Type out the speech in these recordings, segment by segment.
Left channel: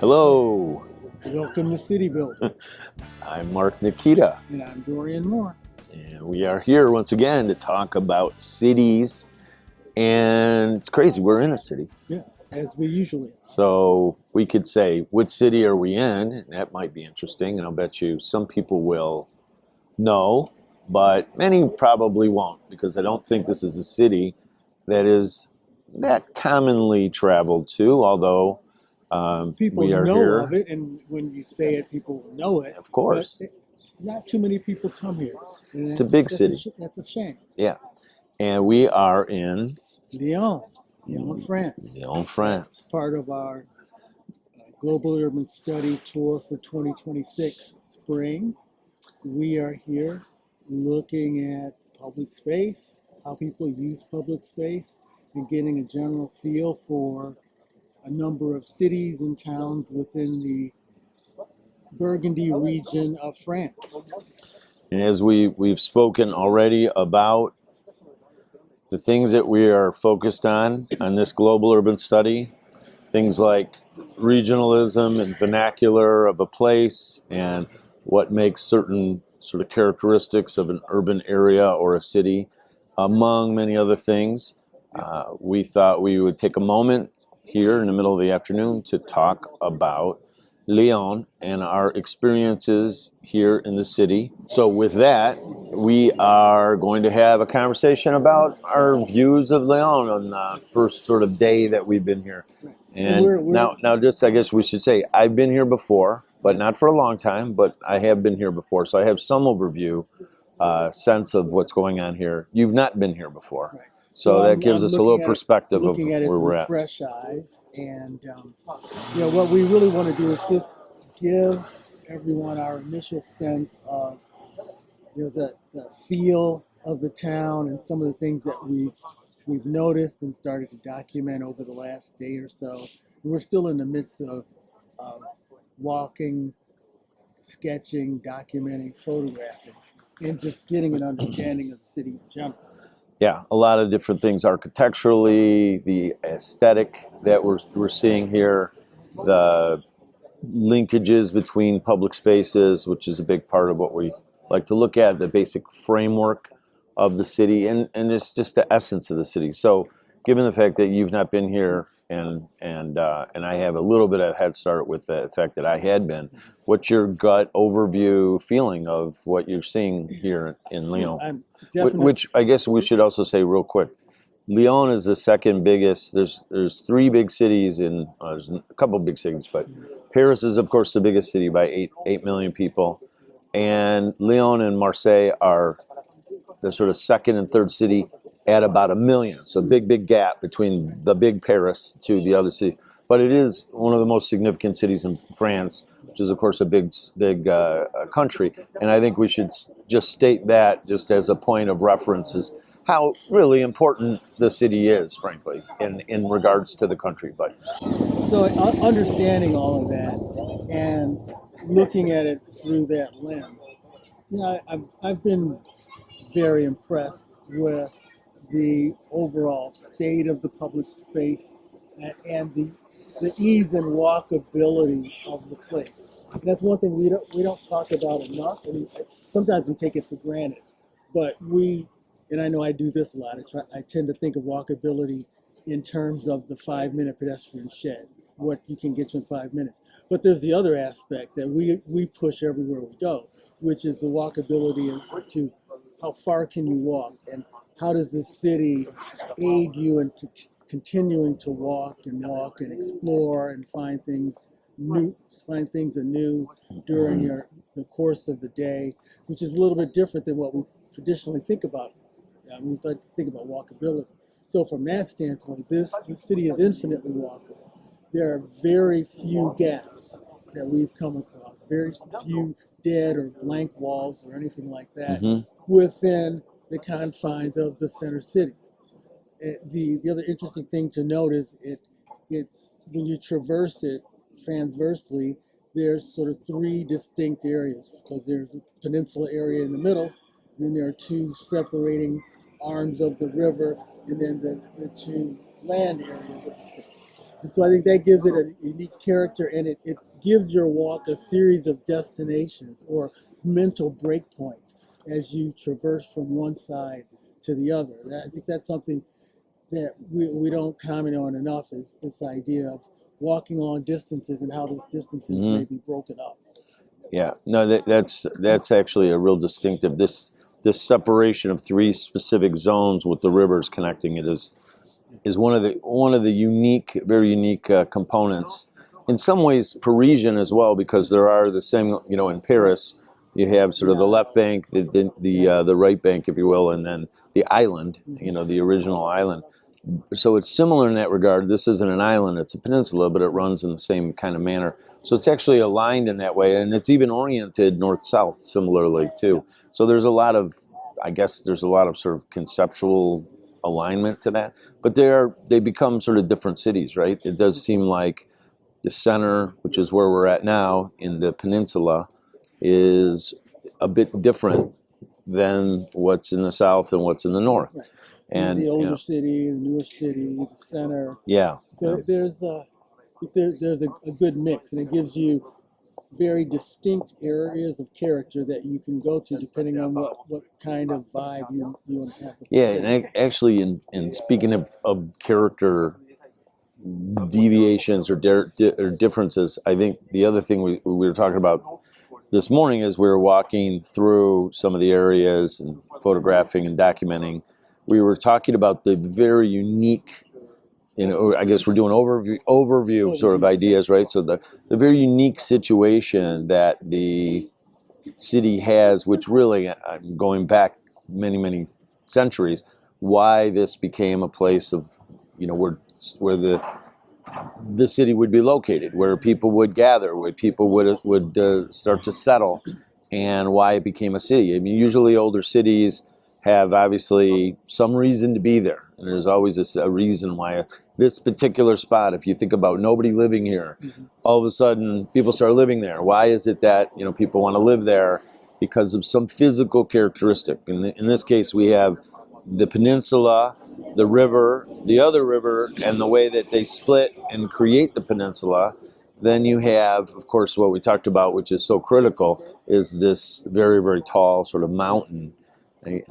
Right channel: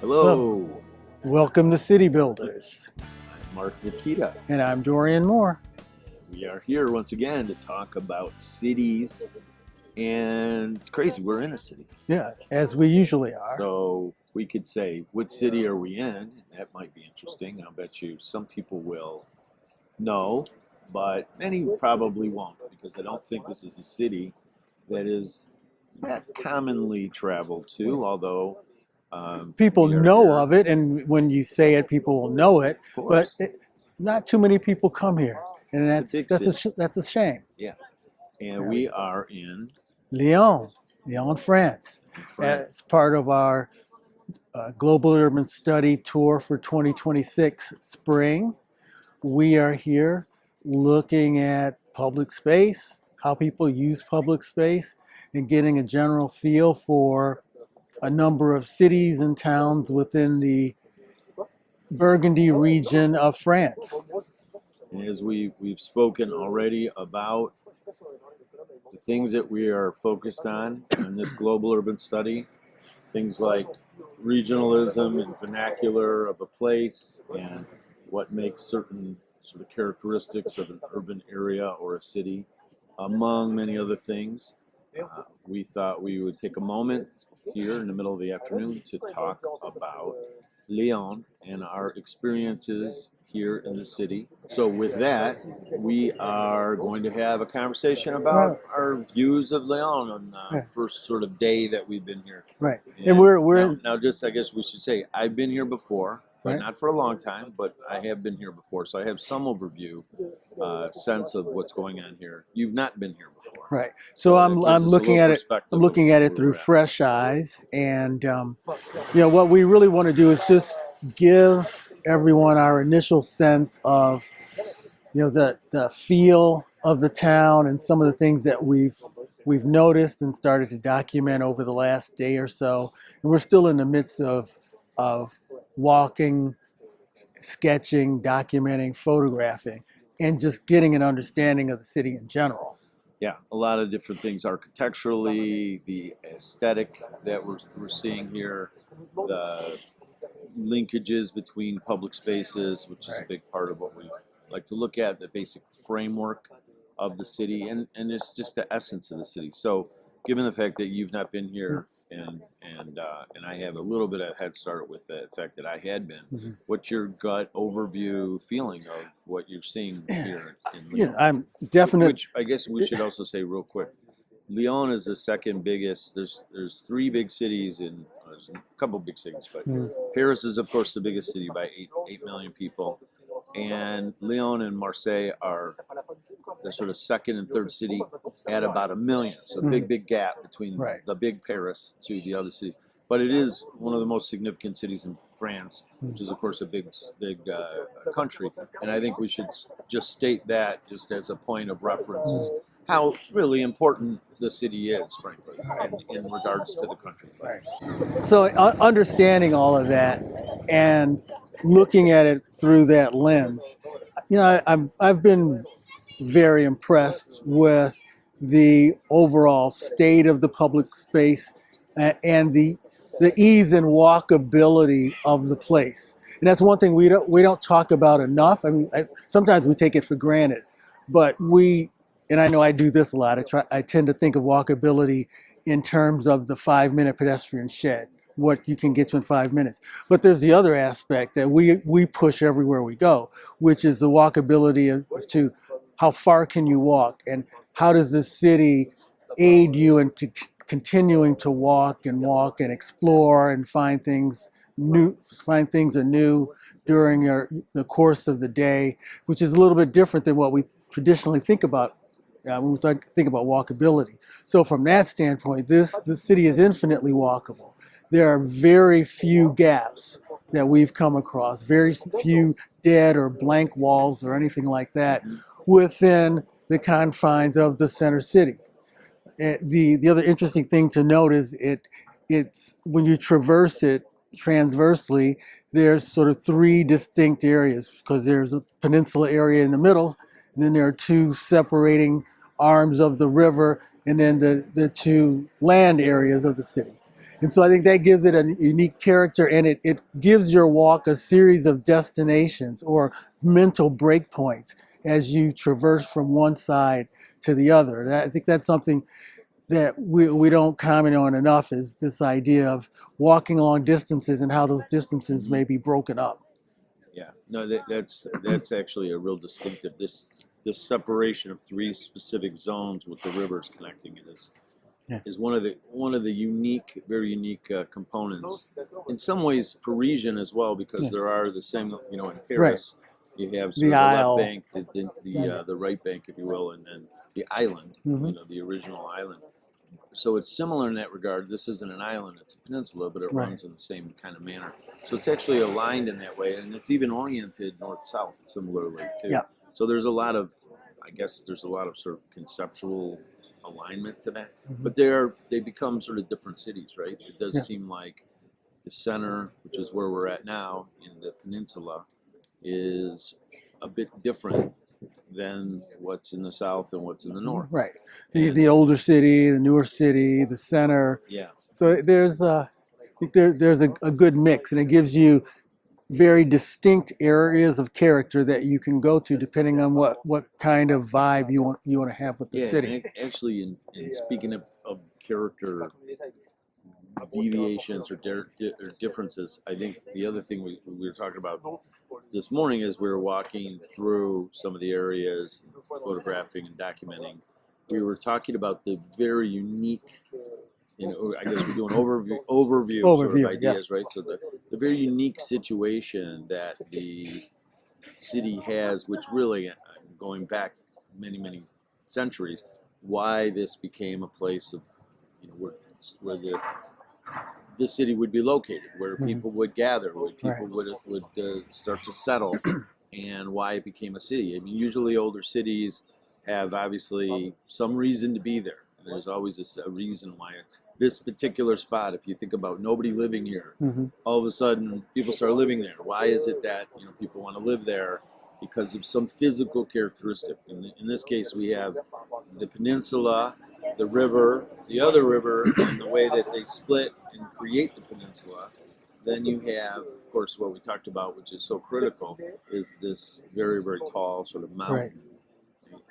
Hello. Hello, Welcome to City Builders. I'm Mark Nikita, And I'm Dorian Moore. and we are here once again to talk about cities. And it's crazy, we're in a city. Yeah, as we usually are. So we could say, which city are we in? That might be interesting, and I'll bet you some people will know, but many probably won't, because I don't think this is a city that is that commonly traveled to, although People we are know here. of it, and when you say it, people will know it. Of course. But not too many people come here. And It's a big city. That's a shame. Yeah. And we are in Lyon, France. Lyon, As France. part of our Global Urban Study Tour for 2026 spring, we are here looking at public space, how people use public space, and getting a general feel for a number of cities and towns within the Burgundy region of France. And as we've spoken already about the things that we are focused on this global urban study, things like regionalism and vernacular of a place and what makes certain sort of characteristics of an urban area or a city, among many other things. We thought we would take a moment here in the middle of the afternoon to talk about Lyon and our experiences here in the city. So with that, we are going to have a conversation about our views of Lyon on the first sort of day that we've been here. Right. And we're now just, I guess we should say, I've been here before, but not for a long time, but I have been here before. So I have some overview, sense of what's going on here. You've not been here before. Right. So that gives us a little perspective. I'm looking at it through fresh eyes. And, what we really want to do is just give everyone our initial sense of, the feel of the town and some of the things that we've noticed and started to document over the last day or so. And we're still in the midst of walking, sketching, documenting, photographing, and just getting an understanding of the city in general. Yeah, a lot of different things architecturally, the aesthetic that we're seeing here, the linkages between public spaces, which is a big part of what we like to look at, the basic framework of the city, and it's just the essence of the city. So given the fact that you've not been here and I have a little bit of head start with the fact that I had been, what's your gut overview feeling of what you're seeing here in Lyon? I'm definitely. Which I guess we should also say real quick, Lyon is the second biggest. There's three big cities there's a couple big cities, but Paris is of course the biggest city by 8 million people, and Lyon and Marseille are the sort of second and third city at about 1 million. So big gap between the big Paris to the other cities. But it is one of the most significant cities in France, which is of course a big country. And I think we should just state that just as a point of reference is how really important the city is, frankly, in regards to the country. But so understanding all of that and looking at it through that lens, I've been very impressed with the overall state of the public space and the ease and walkability of the place. And that's one thing we don't talk about enough. I mean, sometimes we take it for granted, but and I know I do this a lot. I tend to think of walkability in terms of the 5-minute pedestrian shed, what you can get to in 5 minutes. But there's the other aspect that we push everywhere we go, which is the walkability as to how far can you walk, and how does this city aid you into continuing to walk and explore and find things anew during the course of the day, which is a little bit different than what we traditionally think about when we think about walkability. So from that standpoint, this city is infinitely walkable. There are very few gaps that we've come across, very few dead or blank walls or anything like that within the confines of the center city. The other interesting thing to note is it's when you traverse it transversely, there's sort of three distinct areas, because there's a peninsula area in the middle, and then there are two separating arms of the river, and then the two land areas of the city. And so I think that gives it a unique character, and it gives your walk a series of destinations or mental breakpoints as you traverse from one side to the other. I think that's something that we don't comment on enough, is this idea of walking long distances and how those distances may be broken up. Yeah, no, that's actually a real distinctive. This separation of three specific zones with the rivers connecting it is one of the unique, very unique components. In some ways, Parisian as well, because there are the same. In Paris, you have sort The of the left Isle. bank, the right bank, if you will, and then the island. The original island. So it's similar in that regard. This isn't an island; it's a peninsula, but it runs in the same kind of manner. So it's actually aligned in that way, and it's even oriented north-south similarly too. Yeah. So there's a lot of, I guess, there's a lot of sort of conceptual alignment to that. But they become sort of different cities, right? It does seem like the center, which is where we're at now in the peninsula, is a bit different than what's in the south and what's in the north. Right. And The older city, the newer city, the center. Yeah. So there's I think there's a good mix, and it gives you very distinct areas of character that you can go to depending on what kind of vibe you want to have with the city. And actually, in speaking of character deviations or differences, I think the other thing we were talking about this morning as we were walking through some of the areas and photographing and documenting, we were talking about the very unique, I guess we're doing overview sort of ideas, right? So the very unique situation that the city has, which really, going back many, many centuries, why this became a place of, where the city would be located, where people would gather, where people would start to settle, and why it became a city. I mean, usually older cities have obviously some reason to be there. And there's always a reason why this particular spot, if you think about nobody living here, all of a sudden people start living there. Why is it that people want to live there? Because of some physical characteristic. In this case, we have the peninsula, the river, the other river, and the way that they split and create the peninsula. Then you have, of course, what we talked about, which is so critical, is this very, very tall sort of mountain.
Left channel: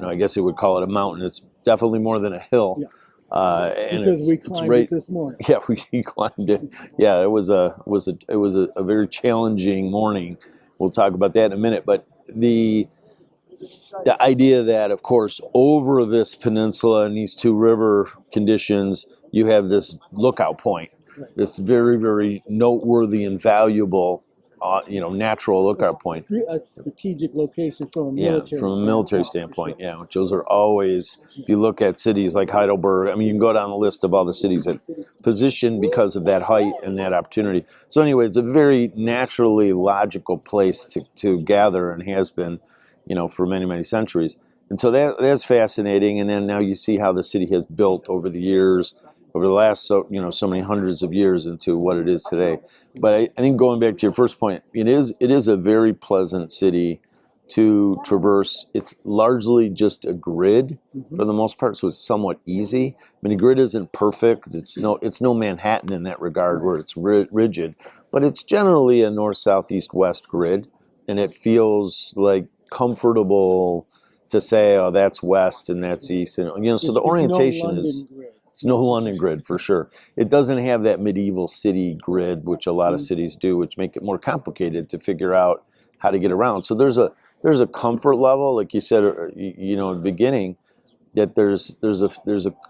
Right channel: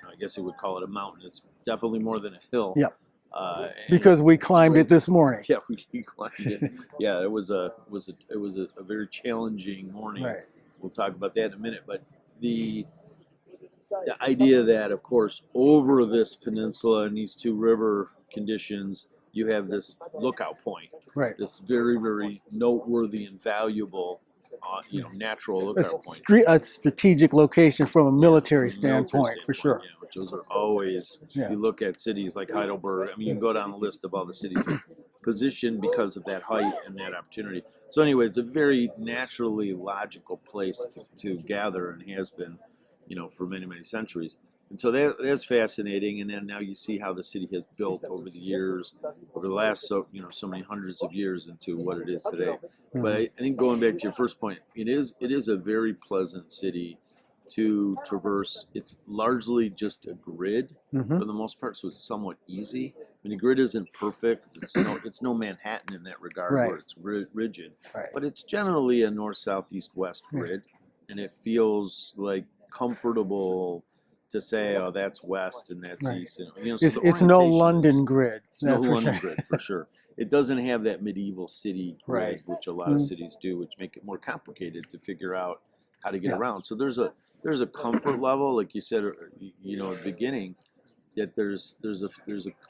I guess you would call it a mountain. It's definitely more than a hill. Yeah. Because we climbed it this morning. Yeah, we climbed it. Yeah, it was a very challenging morning. Right. We'll talk about that in a minute. But the idea that, of course, over this peninsula and these two river conditions, you have this lookout point. Right. This very, very noteworthy and valuable, natural lookout point. A strategic location from a military standpoint. For sure. Yeah, which those are always, if you look at cities like Heidelberg, I mean, you can go down the list of all the cities that position because of that height and that opportunity. So anyway, it's a very naturally logical place to gather, and has been, for many, many centuries. And so that's fascinating. And then now you see how the city has built over the years, over the last so many hundreds of years into what it is today. But I think going back to your first point, it is a very pleasant city to traverse. It's largely just a grid for the most part, so it's somewhat easy. I mean, the grid isn't perfect. It's no Manhattan in that regard, where it's rigid, but it's generally a north, south, east, west grid, and it feels like comfortable to say, oh, that's west and that's east, and so the orientation it's no London grid. It's no London grid for sure. It doesn't have that medieval city grid, which a lot of cities do, which make it more complicated to figure out how to get around. So there's a comfort level, like you said, in the beginning, that there's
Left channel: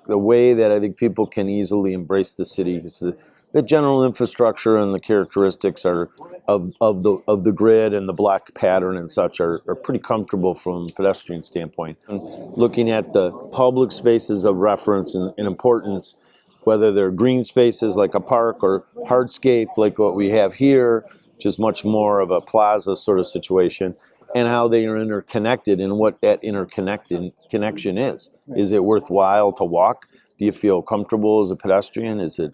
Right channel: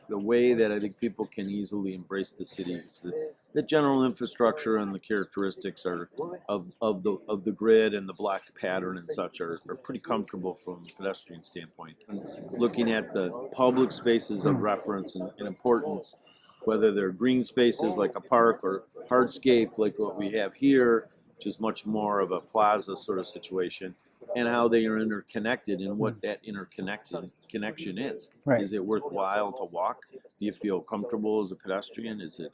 a way that I think people can easily embrace the city. It's the general infrastructure and the characteristics of the grid and the block pattern and such are pretty comfortable from a pedestrian standpoint. And looking at the public spaces of reference and importance, whether they're green spaces like a park or hardscape like what we have here, which is much more of a plaza sort of situation, and how they are interconnected and what that connection is. Right. Is it worthwhile to walk? Do you feel comfortable as a pedestrian? Is it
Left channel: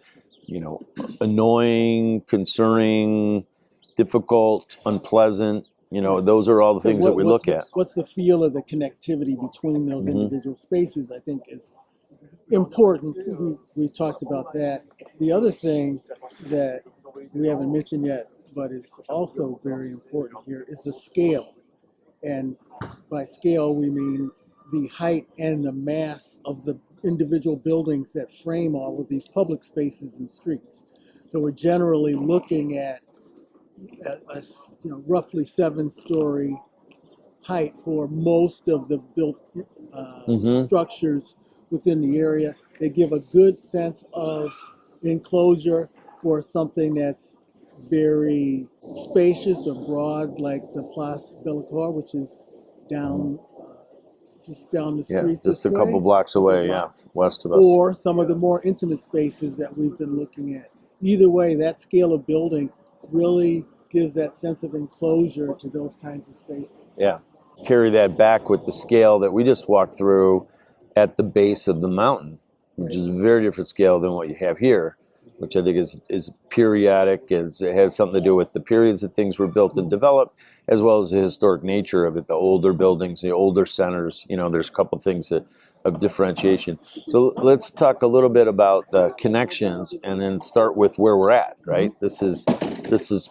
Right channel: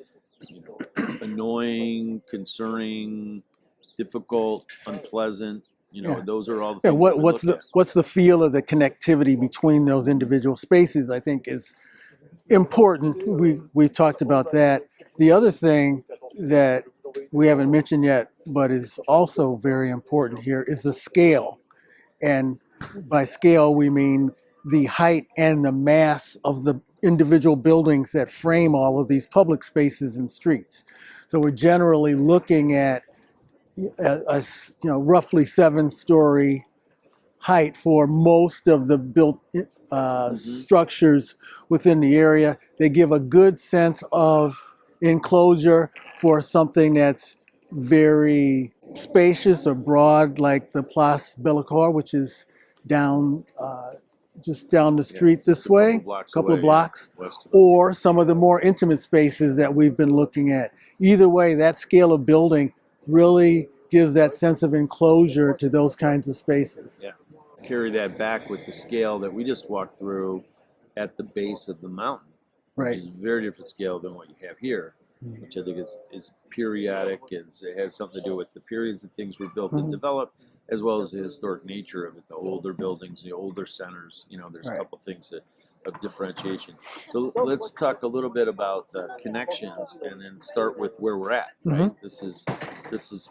annoying, concerning, difficult, unpleasant? Those are all the things that we look at. What's the feel of the connectivity between those individual spaces, I think, is important. We've talked about that. The other thing that we haven't mentioned yet, but is also very important here, is the scale. And by scale, we mean the height and the mass of the individual buildings that frame all of these public spaces and streets. So we're generally looking at roughly 7-story height for most of the built structures within the area. They give a good sense of enclosure for something that's very spacious or broad, like the Place Bellecour, which is down just down the street just this a way, couple blocks couple away, blocks, west of us. or some of the more intimate spaces that we've been looking at. Either way, that scale of building really gives that sense of enclosure to those kinds of spaces. Yeah. Carry that back with the scale that we just walked through at the base of the mountain, which Right. is a very different scale than what you have here, which I think is periodic. It has something to do with the periods that things were built and developed, as well as the historic nature of it, the older buildings, the older centers. There's a couple things of differentiation. So let's talk a little bit about the connections and then start with where we're at, right? This is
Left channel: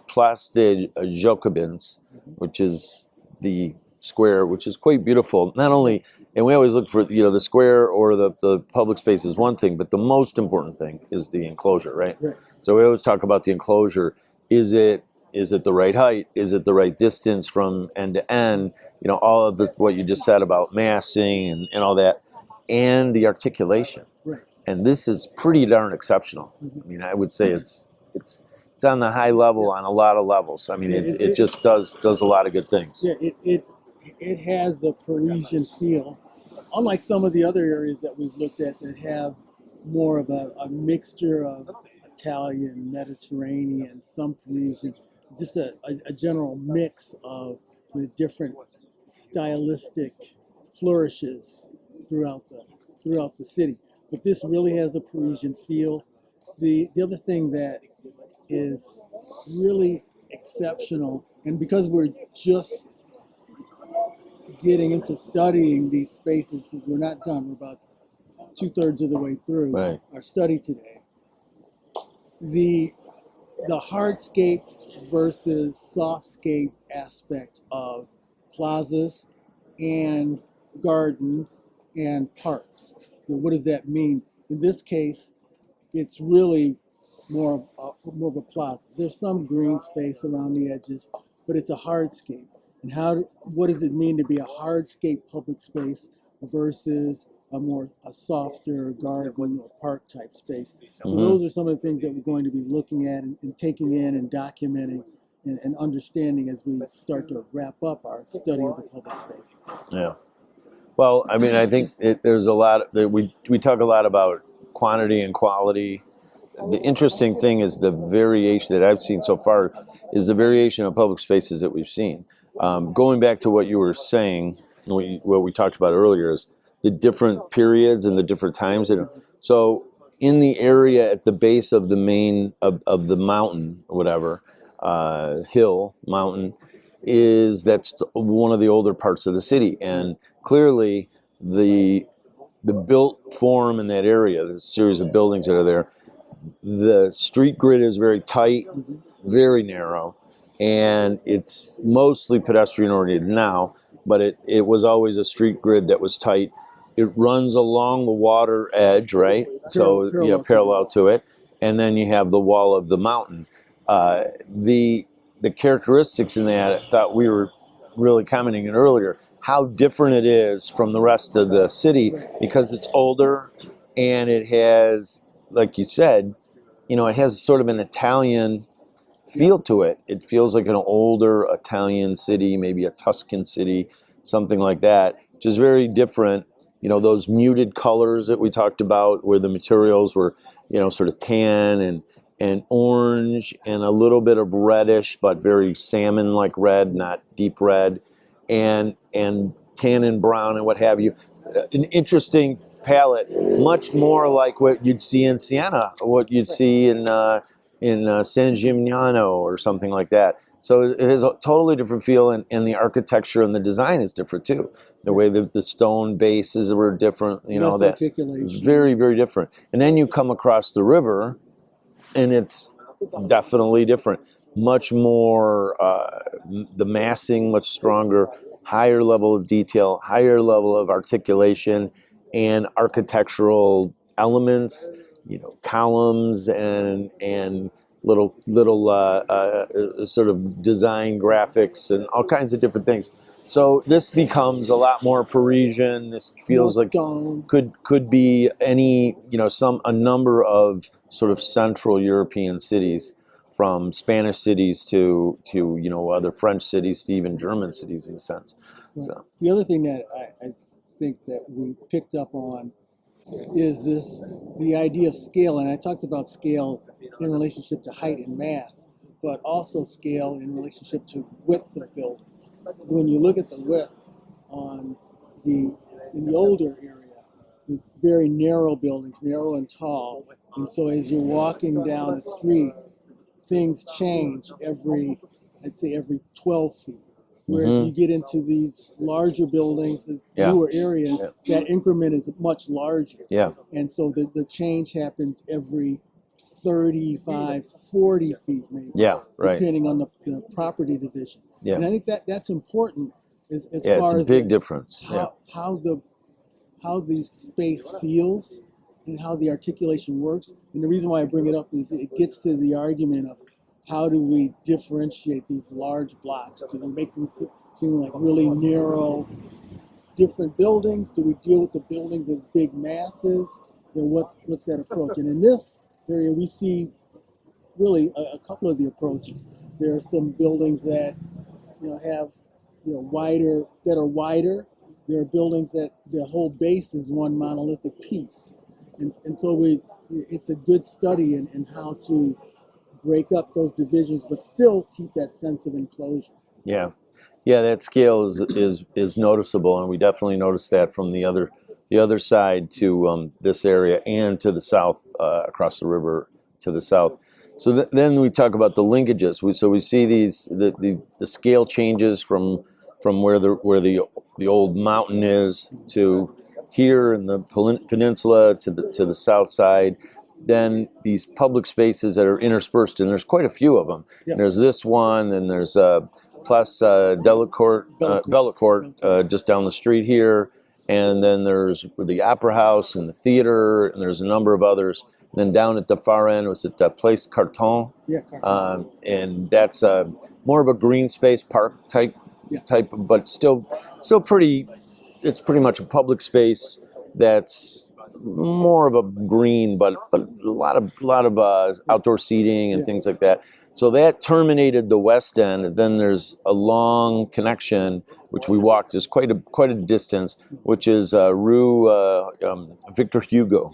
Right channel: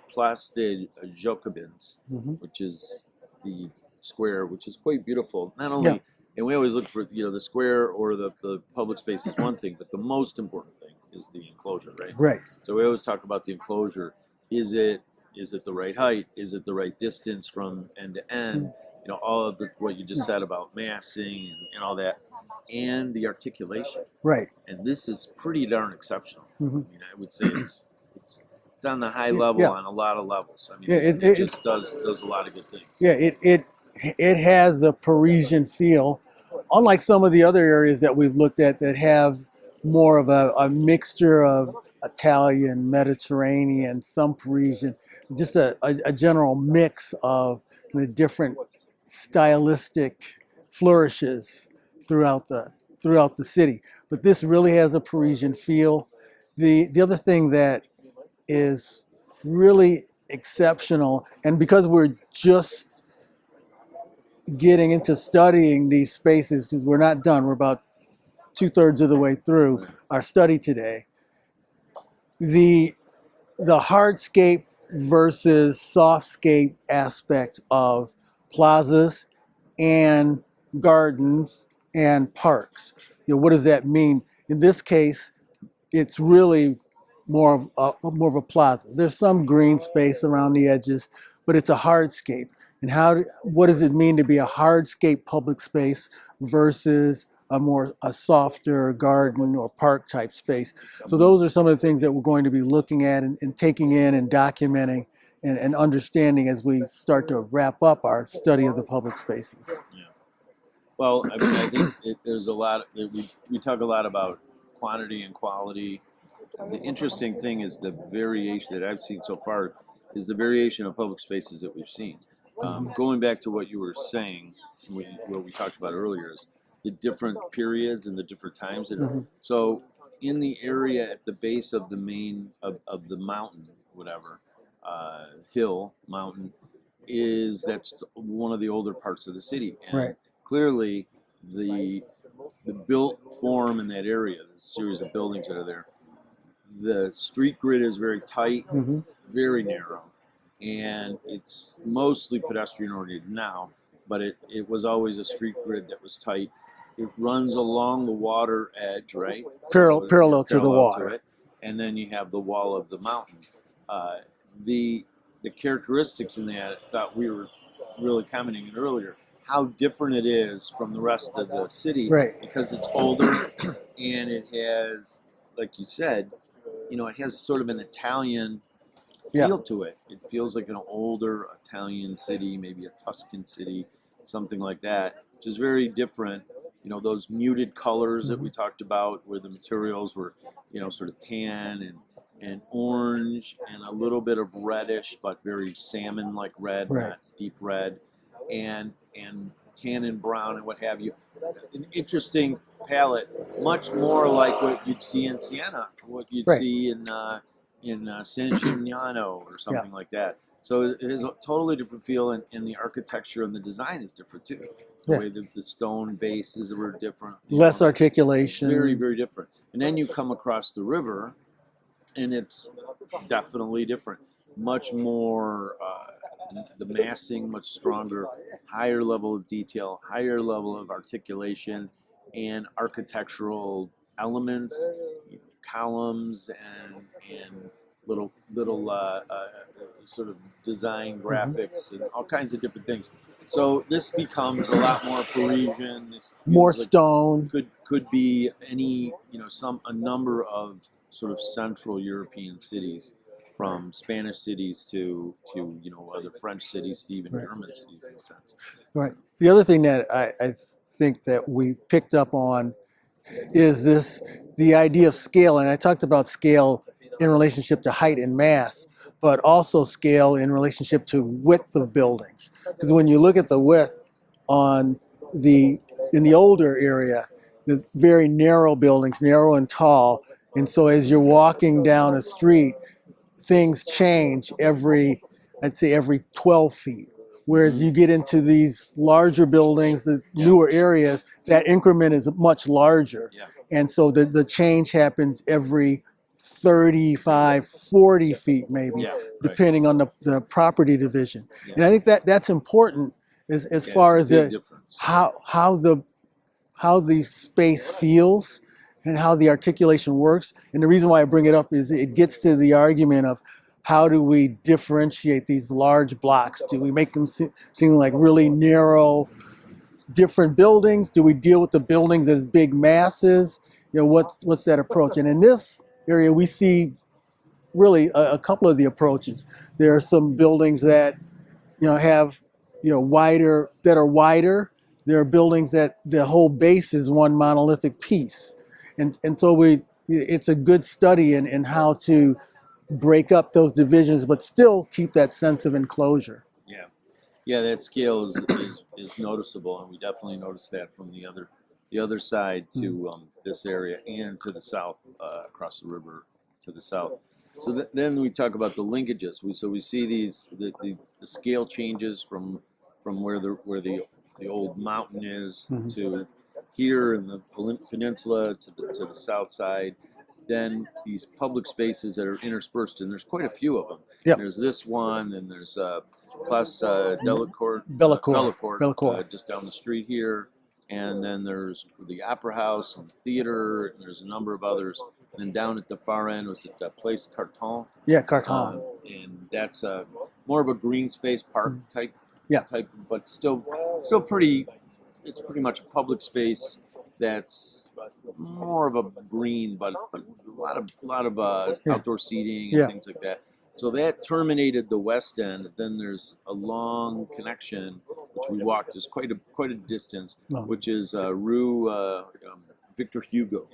Place des Jacobins, which is the square, which is quite beautiful. Not only, and we always look for, the square or the public space is one thing, but the most important thing is the enclosure, right? Right. So we always talk about the enclosure. Is it the right height? Is it the right distance from end to end? All of what you just said about massing and all that, and the articulation. Right. And this is pretty darn exceptional. I mean, I would say it's on the high level on a lot of levels. I mean, it just does a lot of good things. Yeah, it has the Parisian feel, unlike some of the other areas that we've looked at that have more of a mixture of Italian, Mediterranean, some Parisian, just a general mix of the different stylistic flourishes throughout the city. But this really has a Parisian feel. The other thing that is really exceptional, and because we're just getting into studying these spaces, because we're not done, we're about 2/3 of the way through our study today, the hardscape versus softscape aspect of plazas and gardens and parks. What does that mean? In this case, it's really more of a plaza. There's some green space around the edges, but it's a hardscape. And what does it mean to be a hardscape public space versus a softer garden or park type space? So those are some of the things that we're going to be looking at and taking in and documenting and understanding as we start to wrap up our study of the public spaces. Yeah. Well, I mean, I think there's a lot that we talk a lot about quantity and quality. The interesting thing is the variation that I've seen so far is the variation of public spaces that we've seen. Going back to what you were saying, what we talked about earlier, is the different periods and the different times. So in the area at the base of the main of the mountain, whatever, hill, mountain, that's one of the older parts of the city. And clearly the built form in that area, the series of buildings that are there, the street grid is very tight, very narrow, and it's mostly pedestrian oriented now, but it was always a street grid that was tight. It runs along the water edge, right? Parallel to it, and then you have the wall of the mountain. The characteristics in that, I thought we were really commenting on earlier, how different it is from the rest of the city, because it's older and it has, like you said, it has sort of an Italian feel to it. It feels like an older Italian city, maybe a Tuscan city, something like that, which is very different. Those muted colors that we talked about, where the materials were, sort of tan and orange and a little bit of reddish, but very salmon-like red, not deep red, and tan and brown and what have you. An interesting palette, much more like what you'd see in Siena, or what you'd see in San Gimignano or something like that. So it has a totally different feel, and the architecture and the design is different too. The way the stone bases were different. Less articulation. Very, very different. And then you come across the river, and it's definitely different. Much more, the massing much stronger, higher level of detail, higher level of articulation, and architectural elements. Columns and little sort of design graphics and all kinds of different things. So this becomes a lot more Parisian. This feels More like stone. could be any a number of sort of Central European cities, from Spanish cities to other French cities to even German cities in a sense. Right. So, The other thing that I think that we picked up on is the idea of scale. And I talked about scale in relationship to height and mass, but also scale in relationship to width of buildings. Because when you look at the width on in the older area, the very narrow buildings, narrow and tall. And so as you're walking down a street, things change I'd say every 12 feet. Whereas you get into these larger buildings, the newer areas, that increment is much larger. Yeah. And so the change happens every 35, 40 feet maybe, depending on the property division. Yeah. And I think that's important as far as it's a big difference. how the space feels and how the articulation works. And the reason why I bring it up is it gets to the argument of how do we differentiate these large blocks? Do we make them seem like really narrow, different buildings? Do we deal with the buildings as big masses? What's that approach? And in this area, we see really a couple of the approaches. There are some buildings that have wider. There are buildings that the whole base is one monolithic piece, and so it's a good study in how to break up those divisions, but still keep that sense of enclosure. Yeah, that scale is noticeable, and we definitely noticed that from the other side to this area and to the south, across the river to the south. So then we talk about the linkages. We see the scale changes from where the old mountain is to here in the peninsula to the south side. Then these public spaces that are interspersed, and there's quite a few of them. Yep. There's this one, then there's Place Bellecourt, just down the street here, and then there's the Opera House and the theater, and there's a number of others. And then down at the far end was at Place Carton. Yeah, Carton. And that's more of a green space park type, but still pretty. It's pretty much a public space that's more of a green, but a lot of outdoor seating and things like that. So that terminated the west end. Then there's a long connection, which we walked. Is quite a distance, which is Rue Victor Hugo,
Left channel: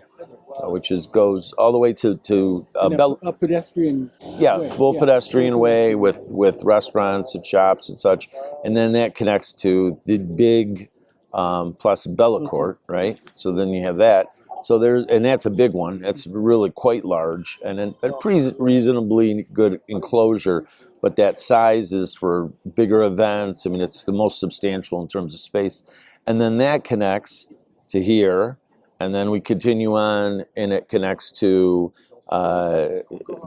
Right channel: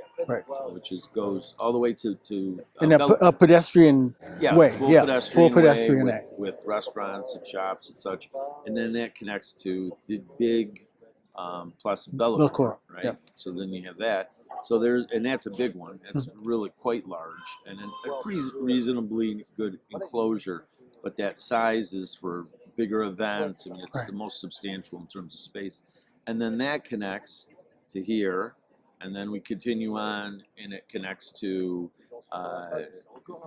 which goes all the way to a pedestrian way. Full pedestrian way with restaurants and shops and such, and then that connects to the big Place Bellecourt, right? Yeah. So then you have that. So that's a big one. That's really quite large, and then a pretty reasonably good enclosure. But that size is for bigger events. I mean, it's the most substantial in terms of space. And then that connects to here, and then we continue on, and it connects to a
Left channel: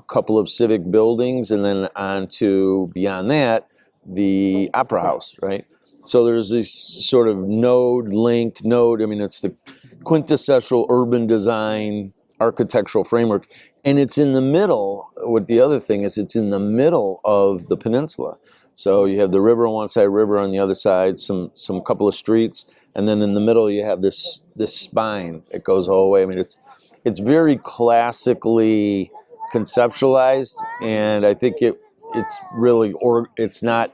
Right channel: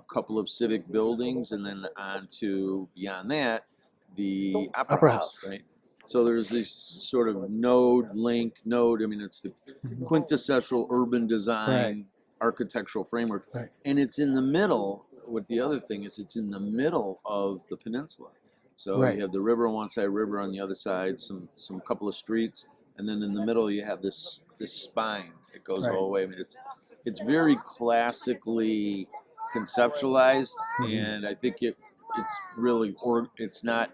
couple of civic buildings, and then on to beyond that, the Opera House, right? So there's this sort of node. I mean, it's the quintessential urban design architectural framework. And it's in the middle. What the other thing is, it's in the middle of the peninsula. So you have the river on one side, river on the other side, some couple of streets, and then in the middle you have this spine. It goes all the way. I mean, it's very classically conceptualized, and I think it's really it's not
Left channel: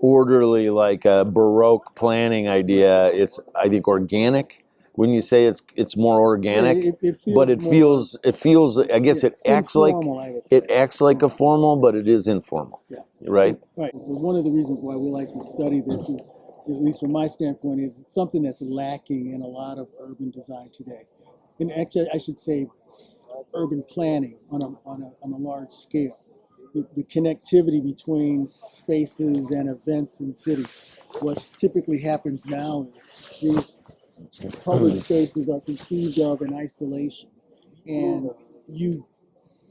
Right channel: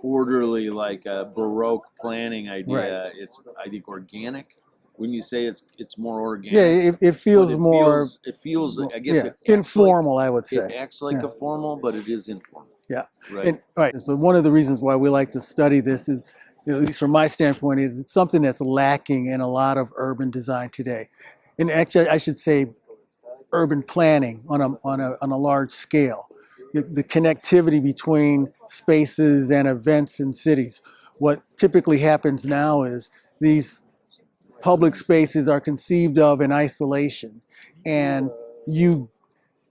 orderly like a Baroque planning idea. It's, I think, organic. When you say it's more organic, it feels but more. It feels. I guess it acts informal, like I would say. It acts like a formal, but it is informal. Yeah. Right. But one of the reasons why we like to study this is, at least from my standpoint, is it's something that's lacking in a lot of urban design today, and actually I should say, urban planning on a large scale. The connectivity between spaces and events in cities. What typically happens now is these public spaces are conceived of in isolation, and you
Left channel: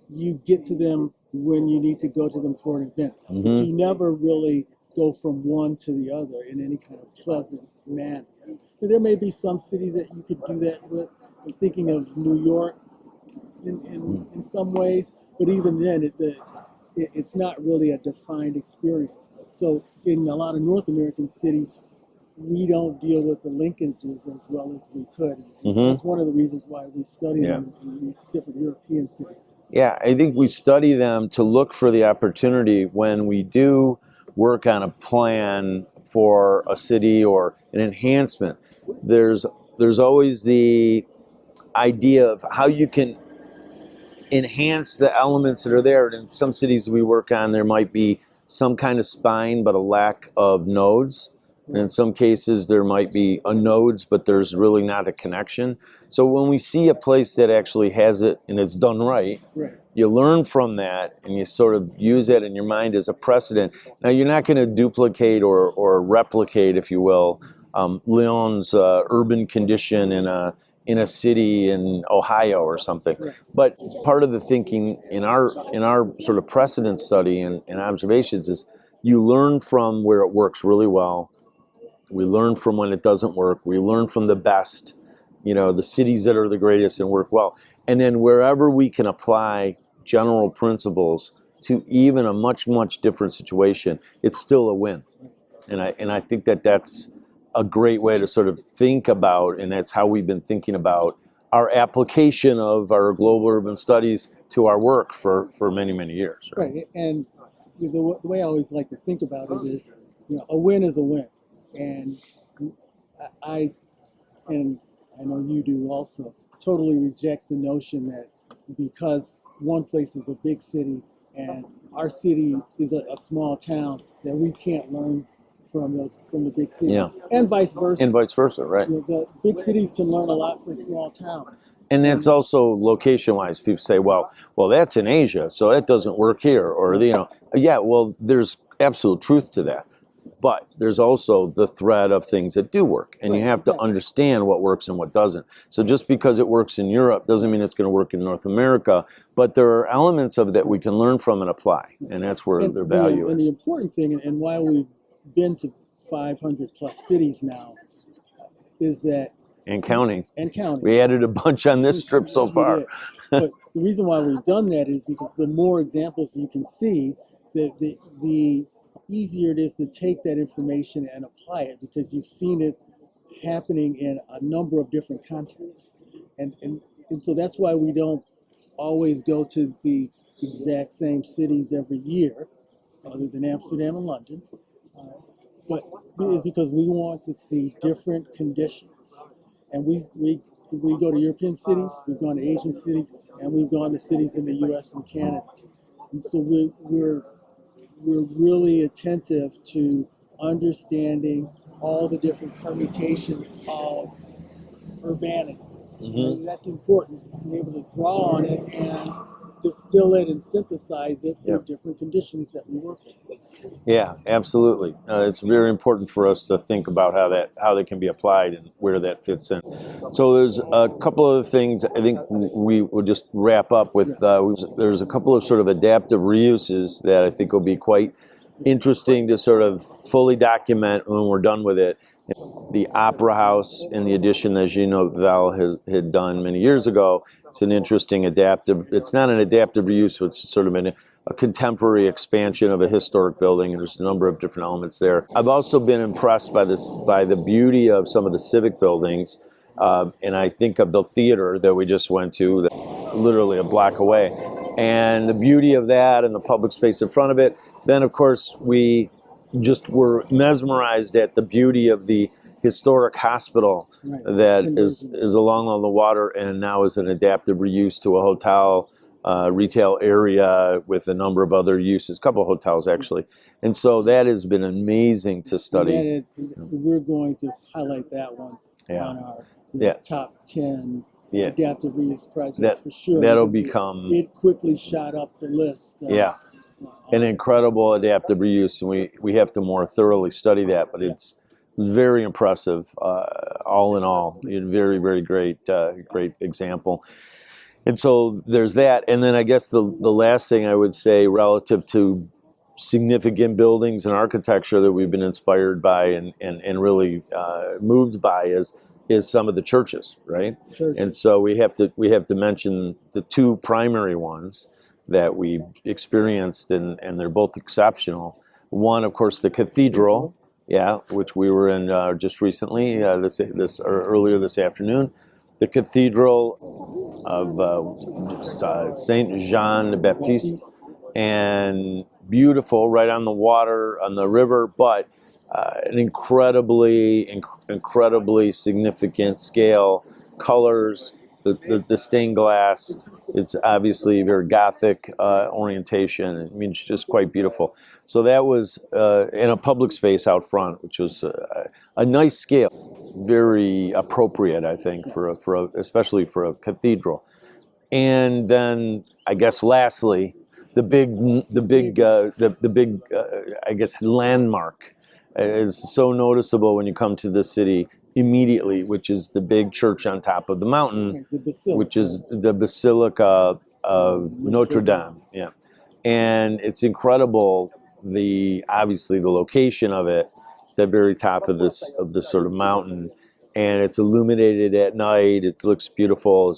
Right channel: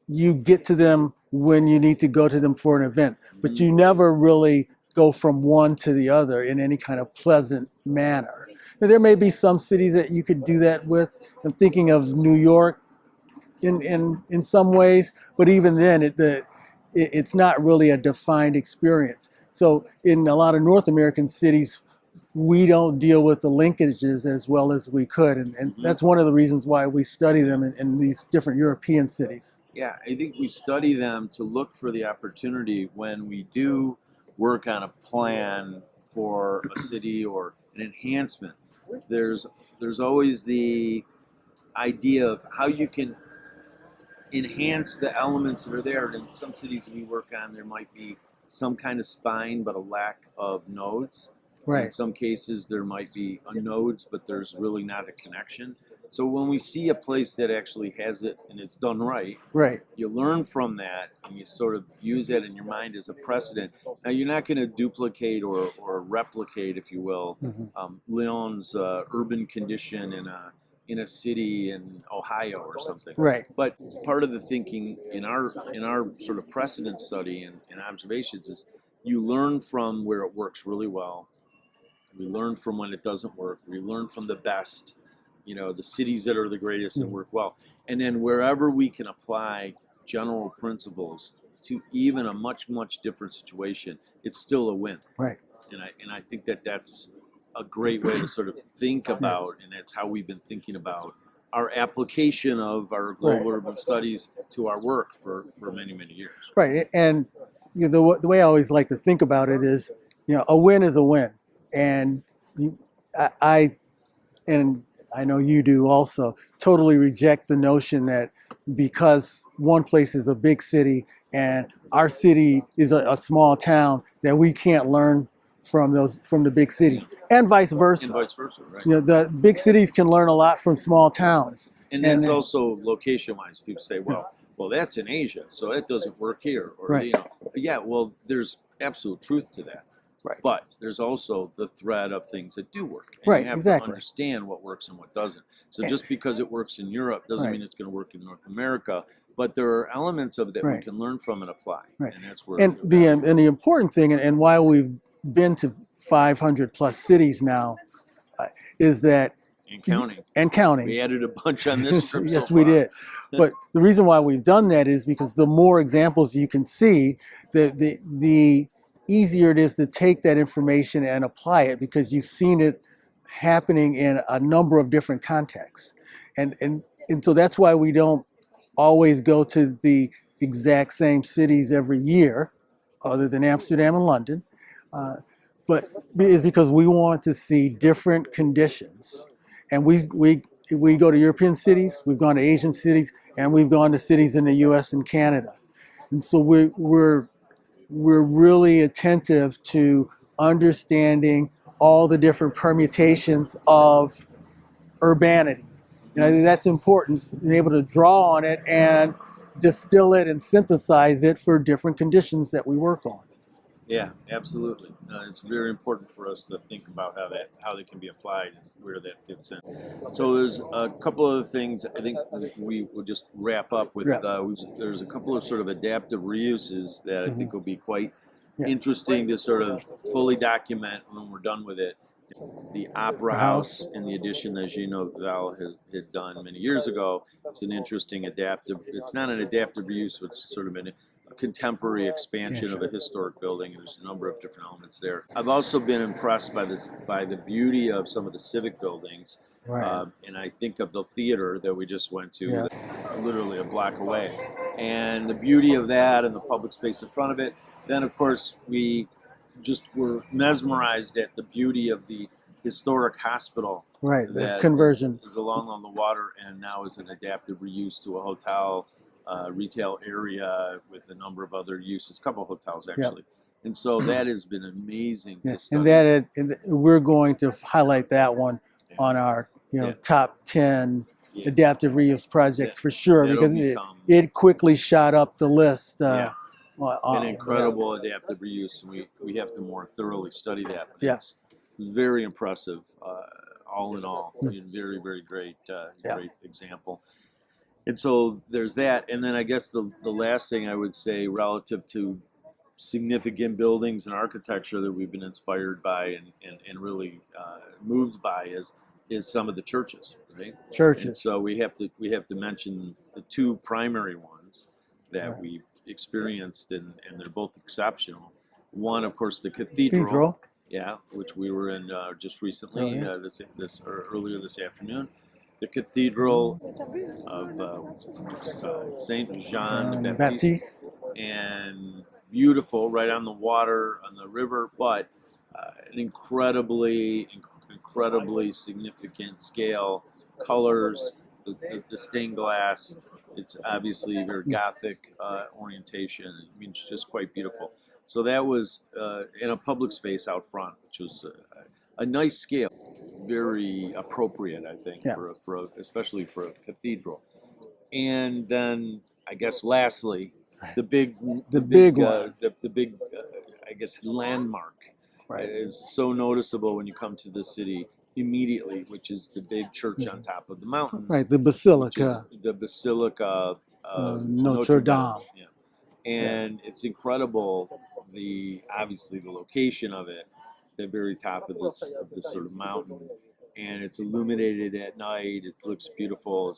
you get to them when you need to go to them for an event, but Mm-hmm. you never really go from one to the other in any kind of pleasant manner. Now, there may be some cities that you could do that with. I'm thinking of New York in some ways, but even then, it's not really a defined experience. So in a lot of North American cities, we don't deal with the linkages as well as we could. And Mm-hmm. that's one of the reasons why we study Yeah. them in these different European cities. Yeah, I think we study them to look for the opportunity when we do work on a plan for a city or an enhancement. There's always the idea of how you can enhance the elements that are there. In some cities we work on, there might be some kind of spine but a lack of nodes. In Right, some cases, there might be a nodes, but there's really not a connection. So when we see a place that actually has it and it's done right, right, you learn from that and you sort of use that in your mind as a precedent. Now, you're not going to duplicate or replicate, if you will, Lyon's urban condition in a city in Ohio or something. right, But part of the thinking in our sort of precedent study and observations is you learn from where it works really well. We learn from when it doesn't work. We learn from the best, the cities that are the greatest and work well. And then wherever we can apply general principles to even a much, much different situation, it's still a win. right. And I think that that's a great way to sort of think about, and that's how we've been thinking about our application of our global Right. urban studies to our work for many, many years. Right. And the way I always like to think about it is, a win is a win. And you, I and I know you do also, totally reject the notion that because one place is a big city and our city is a small town, that we can't learn from the big cities, Yeah. and vice versa. And vice versa, right? The big cities can learn a lot from small towns. And it's also location-wise. People say, well, that's in Asia, so that doesn't work here. Or, Right. Yeah, well, there's absolute truth to that. Right. But there's also the thread of things that do work. And Right, you have exactly. to understand what works and what doesn't. So just because it works in Europe doesn't mean it's going to work in North America. But there are elements of it that we can learn from and apply. Right. And that's where And the value and the important thing, and why we've been to 500 plus cities now, is that and counting. and counting. We added a bunch on this trip so Yes, far. we did. But the reason why we've done that is because the more examples you can see, the easier it is to take that information and apply it, because you've seen it happening in a number of different contexts. And so that's why we don't always go to the exact same cities every year, other than Amsterdam and London. But is because we want to see different conditions. And we go to European cities, we've gone to Asian cities, and we've gone to cities in the US and Canada. And so we're really attentive to understanding all the different permutations of urbanity. And I think that's important, being able to draw on it and distill it and synthesize it for different conditions that we work on. Yeah, absolutely. It's very important for us to think about how they can be applied and where that fits in. So there's a couple other things I think we will just wrap up with. There's a couple of sort of adaptive reuses that I think will be quite interesting to sort of fully document when we're done with it. The Opera House and the addition that Gino Val had done many years ago. It's an interesting adaptive. It's not an adaptive reuse, so it's sort of a contemporary expansion of a historic building, and there's a number of different elements there. I've also been impressed by the beauty of some of the civic buildings, and I think of the theater that we just went to, literally a block away, and the beauty of that and the public space in front of it. Then, of course, we just were mesmerized at the beauty of the historic hospital that is along all the water and now is an adaptive reuse to a hotel, retail area with a number of other uses, a couple of hotels actually. And so that has been amazing to study. And we're going to highlight that one on our top 10 adaptive reuse projects for sure. That'll because become it quickly shot up the list. An incredible adaptive reuse, and we have to more thoroughly study that, but it's very impressive all in all. Very, very great example. And so there's that. And then I guess the last thing I would say relative to significant buildings and architecture that we've been inspired by and really moved by is some of the churches, right? Churches. And so we have to mention the two primary ones that we've experienced, and they're both exceptional. One, of course, the cathedral. Yeah, which we were in just recently, this or earlier this afternoon. The Cathedral of Saint Jean the Baptiste, and beautiful, right on the water, on the river, but an incredibly significant scale, colors, the stained glass. It's obviously very Gothic orientation. I mean, it's just quite beautiful. So that was in a public space out front, which was a nice scale, very appropriate, I think, for especially for a cathedral. And then I guess lastly, the big I guess landmark is so noticeable when you come to the city immediately, which is the big church on top of the mountain, right? The Basilica, which is the Basilica of Notre Dame. Yeah, and it's incredible. Obviously the location of it, the very top of this sort of mountain, and it's illuminated at night. It looks beautiful.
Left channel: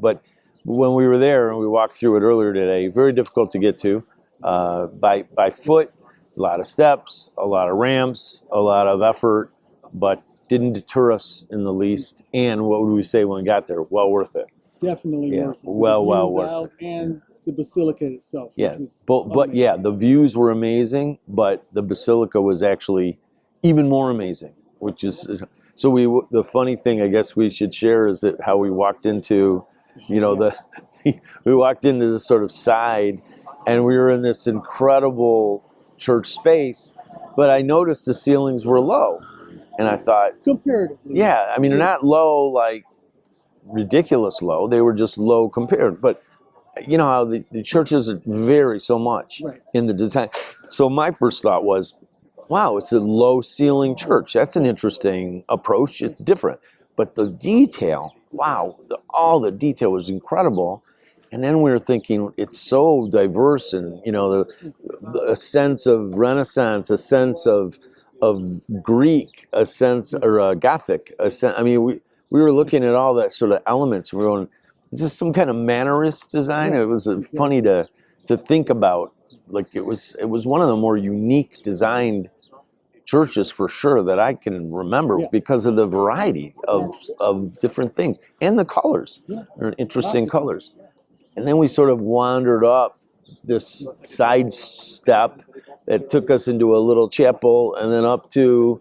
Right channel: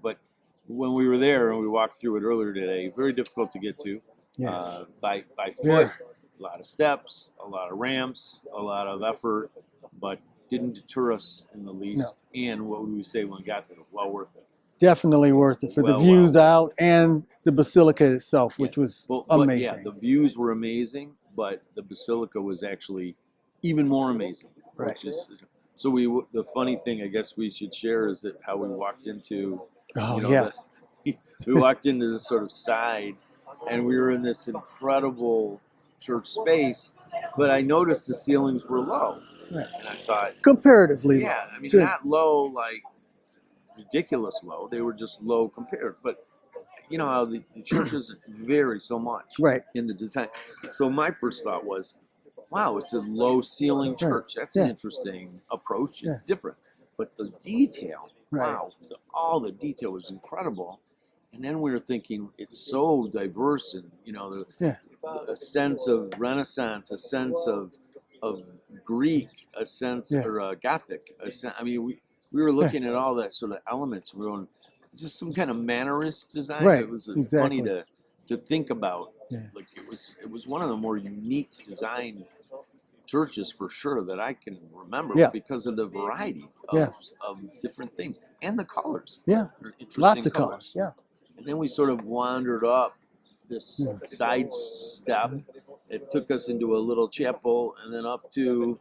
But when we were there and we walked through it earlier today, very difficult to get to by foot. A lot of steps, a lot of ramps, a lot of effort, but didn't deter us in the least. No. And what would we say when we got there? Well worth it. Definitely worth it. For the views out and the Basilica itself, which was amazing. But yeah, the views were amazing, but the Basilica was actually even more amazing. Right. Which is so. The funny thing I guess we should share is that how we walked into, we walked into this sort of side, and we were in this incredible church space, but I noticed the ceilings were low, and I thought comparatively, I mean, they're not low like ridiculous low, they were just low compared, but you know how the churches vary so much in the design. So my first thought was, wow, it's a low ceiling church. That's an interesting approach. It's different, but the detail, wow, all the detail was incredible. And then we were thinking, it's so diverse, and a sense of Renaissance, a sense of Greek, a sense or Gothic. I mean, we were looking at all that sort of elements, and we were going, is this some kind of Mannerist design? It was funny to think about. Like it was one of the more unique designed churches for sure that I can remember because of the variety of different things and the colors. They're interesting colors. And then we sort of wandered up this side step that took us into a little chapel, and then up to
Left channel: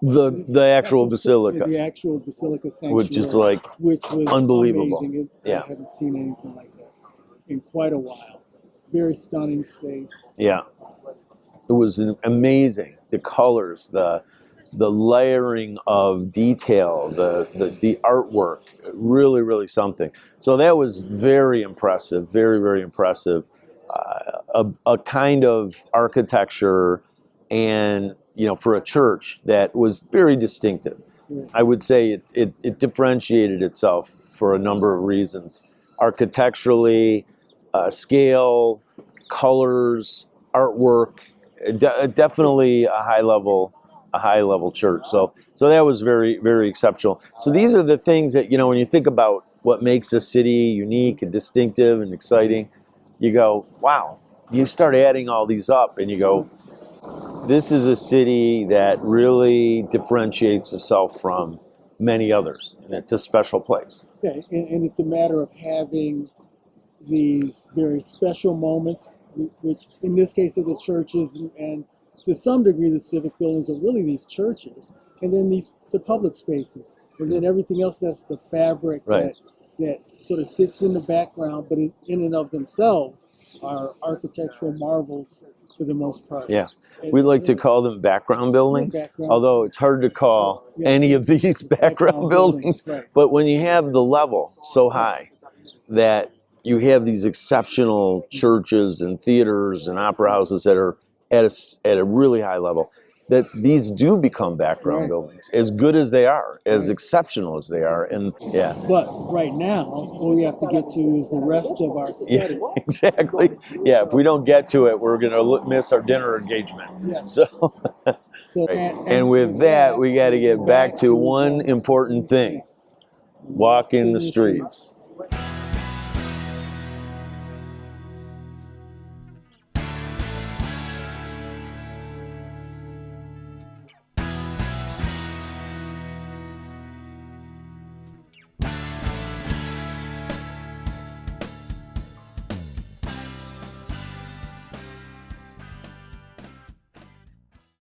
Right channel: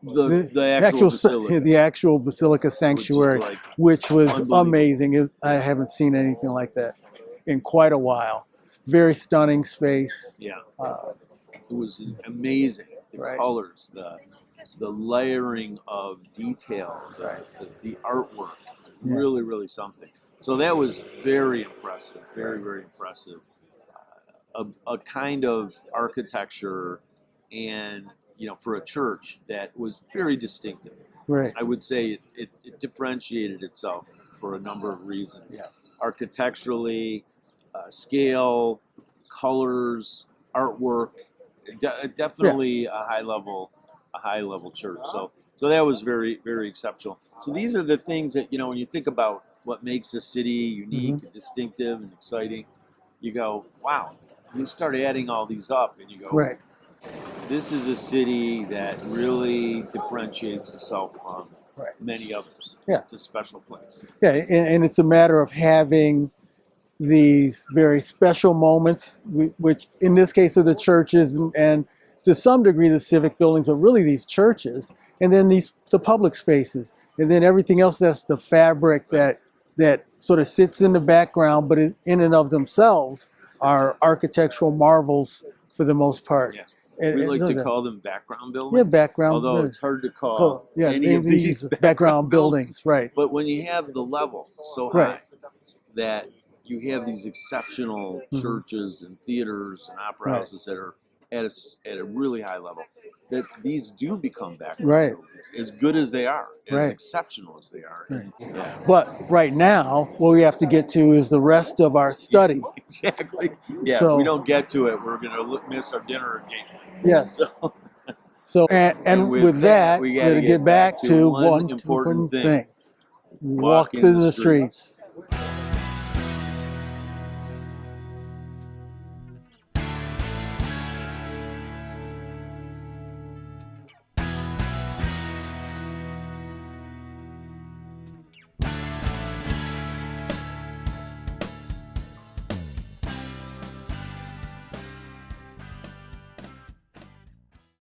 the actual basilica. The actual basilica sanctuary, which was amazing. I haven't seen anything like that in quite a while. Very stunning space. Yeah, it was amazing. The colors, the layering of detail, the artwork, really, really something. So that was very impressive, very, very impressive. A kind of architecture, and for a church that was very distinctive. Right. I would say it differentiated itself for a number of reasons. Architecturally, scale, colors, artwork, definitely a high level church. So that was very, very exceptional. So these are the things that, when you think about what makes a city unique and distinctive and exciting, you go, wow. You start adding all these up and you go, this is a city that really differentiates itself from many others. It's a special place. Yeah, and it's a matter of having these very special moments, which in this case are the churches and to some degree the civic buildings, but really these churches, and then the public spaces, and then everything else that's the fabric that sort of sits in the background, but in and of themselves are architectural marvels for the most part. Yeah. We like to call them background buildings, although it's hard to call any of these background buildings. Right. But when you have the level so high that you have these exceptional churches and theaters and opera houses that are at a really high level, that these do become background Right. buildings, as good as they are, as Right. exceptional as they are. And yeah. But right now, what we have to get to is the rest of our study. Yeah, exactly. Yeah, if we don't get to it, we're going to miss our dinner engagement. Yes. So, and with that, we got to get back to one important thing. Walk in the streets.